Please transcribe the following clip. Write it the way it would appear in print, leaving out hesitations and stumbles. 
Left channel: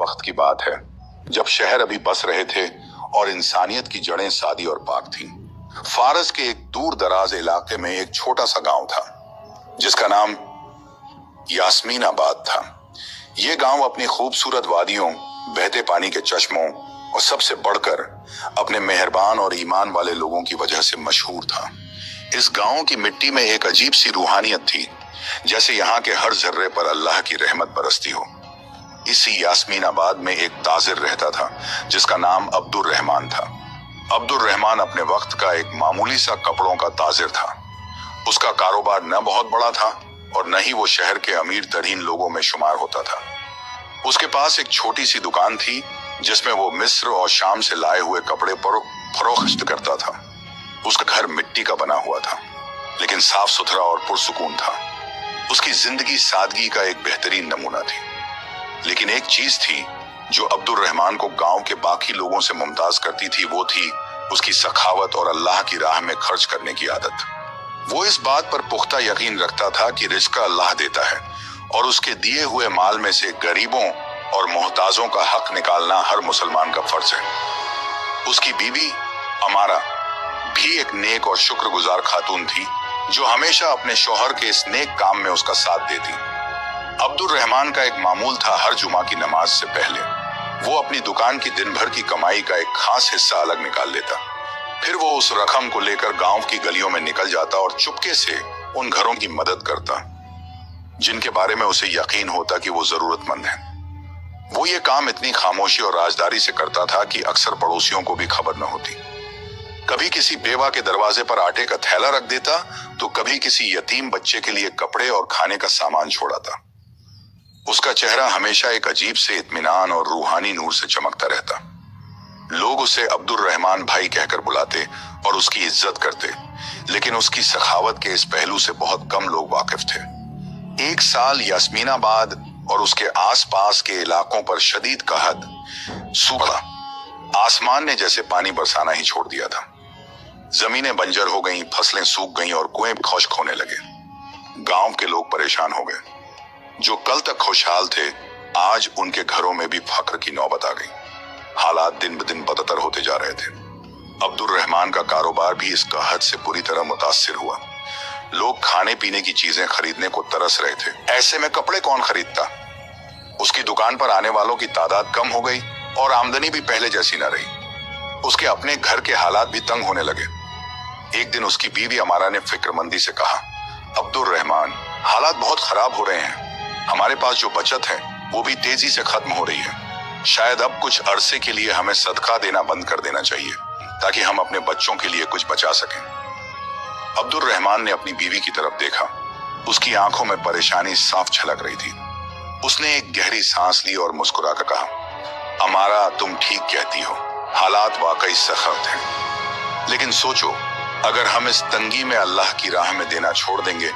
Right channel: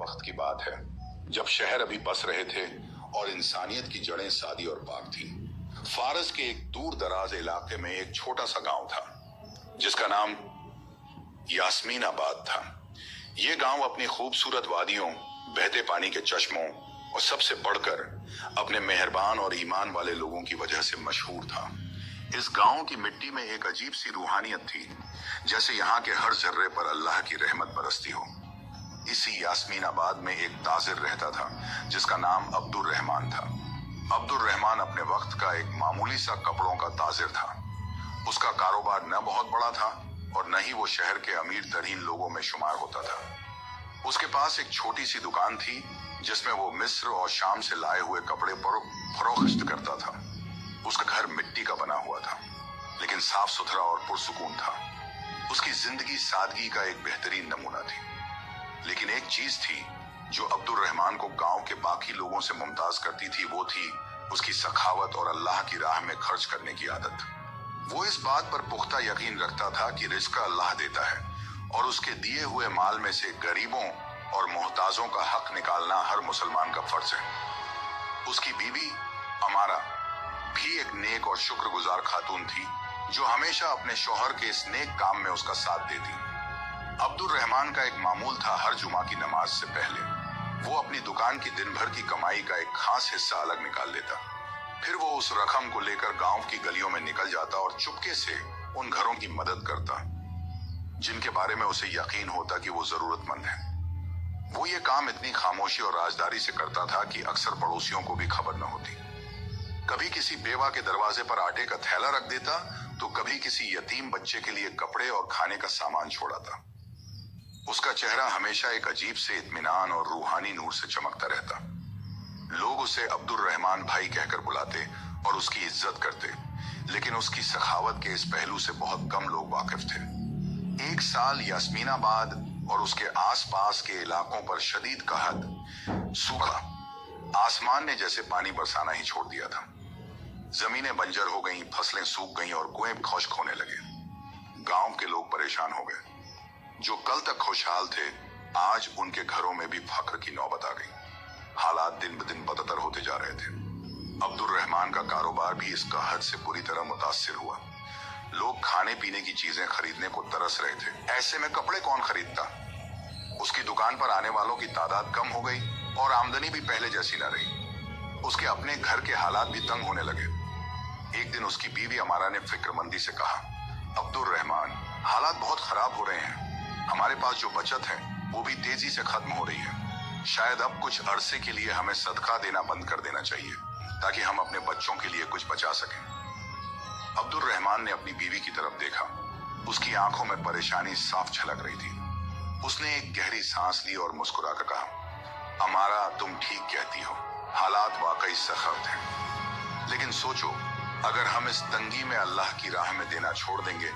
वक्त की बात है जब शहर अभी बस रहे थे और इंसानियत की जड़ें सादी और पाक थीं। फारस के एक दूर दराज इलाके में एक छोटा सा गांव था जिसका नाम यास्मीनाबाद था। ये गांव अपनी खूबसूरत वादियों, बहते पानी के चश्मों और सबसे बढ़कर अपने मेहरबान और ईमान वाले लोगों की वजह से मशहूर था। इस गांव की मिट्टी में एक अजीब सी रूहानियत थी, जैसे यहाँ के हर जर्रे पर अल्लाह की रहमत बरसती हो। इसी यास्मीनाबाद में एक ताजिर रहता था जिसका नाम अब्दुर रहमान था। अब्दुर रहमान अपने वक्त का एक मामूली सा कपड़ों का ताजिर था। उसका कारोबार न बहुत बड़ा था और न ही वो शहर के अमीर तरीन लोगों में शुमार होता था। उसके पास एक छोटी सी दुकान थी जिसमें वो मिस्र और शाम से लाए हुए कपड़े फरोख्त करता था। उसका घर मिट्टी का बना हुआ था, लेकिन साफ सुथरा और पुरसुकून था। उसकी जिंदगी सादगी का एक बेहतरीन नमूना थी। लेकिन एक चीज थी जो अब्दुर रहमान को गांव के बाकी लोगों से मुमताज करती थी, वो थी उसकी सखावत और अल्लाह की राह में खर्च करने की आदत। वो इस बात पर पुख्ता यकीन रखता था कि रिज़्क़ अल्लाह देता है और उसके दिए हुए माल में से गरीबों और मोहताजों का हक निकालना हर मुसलमान का फर्ज है। उसकी बीवी अमारा भी एक नेक और शुक्रगुजार खातून थी जो हमेशा अपने शौहर के इस नेक काम में उसका साथ देती। अब्दुर रहमान का एक मामूल था, हर जुमा की नमाज से पहले वो अपनी दुकान की दिन भर की कमाई का एक खास हिस्सा अलग निकाल लेता। फिर वो उस रकम को लेकर गांव की गलियों में निकल जाता और चुपके से उन घरों की मदद करता जिनके बारे में उसे यकीन होता कि वो जरूरतमंद है। वो ये काम इतनी खामोशी और राजदारी से करता था कि अक्सर पड़ोसियों को भी खबर न होती। कभी किसी बेवा के दरवाजे पर आटे का थैला रख देता तो कभी किसी यतीम बच्चे के लिए कपड़े और खाने का सामान छोड़ाता। उसका चेहरा हमेशा एक अजीब से इत्मीनान और रूहानी नूर से चमकता रहता। लोग उसे अब्दुर रहमान भाई कहकर बुलाते और उसकी इज्जत करते, लेकिन उसकी सखावत के इस पहलू से बहुत कम लोग वाकिफ थे। एक साल यास्मीनाबाद और उसके आसपास के इलाकों पर शदीद कहत, सूखा, आसमान ने जैसे पानी बरसाना ही छोड़ दिया था। जमीनें बंजर हो गईं, फसलें सूख गईं और कुएं खुश्क होने लगे। गांव के लोग परेशान हो गए। जो कल तक खुशहाल थे, आज उनके घरों में भी फक्र की नौबत आ गई। हालात दिन ब दिन बदतर होते जा रहे थे। अब्दुर रहमान का कारोबार भी इस कहत से बुरी तरह मुतासिर हुआ। लोग खाने पीने की चीजें खरीदने को तरस रहे थे। ऐसे में कपड़े कौन खरीदता? उसकी दुकान पर आने वालों की तादाद कम हो गई और आमदनी भी पहले जैसी न रही। उसके अपने घर के हालात भी तंग होने लगे। एक दिन उसकी बीवी अमारा ने फिक्रमंदी से कहा, अब्दुर रहमान, हालात बहुत खराब हो रहे हैं। हमारे पास जो बचत है वो भी तेजी से खत्म हो रही है। शायद अब कुछ अरसे के लिए हमें सदका देना बंद कर देना चाहिए ताकि हम अपने बच्चों के लिए कुछ बचा सकें। अब्दुर रहमान ने अपनी बीवी की तरफ देखा। उसकी आंखों में परेशानी साफ झलक रही थी। उसने एक गहरी सांस ली और मुस्कुराकर कहा, अमारा, तुम ठीक कहती हो, हालात वाकई सख्त हैं। लेकिन सोचो, अगर हम इस तंगी में अल्लाह की राह में देना छोड़ देंगे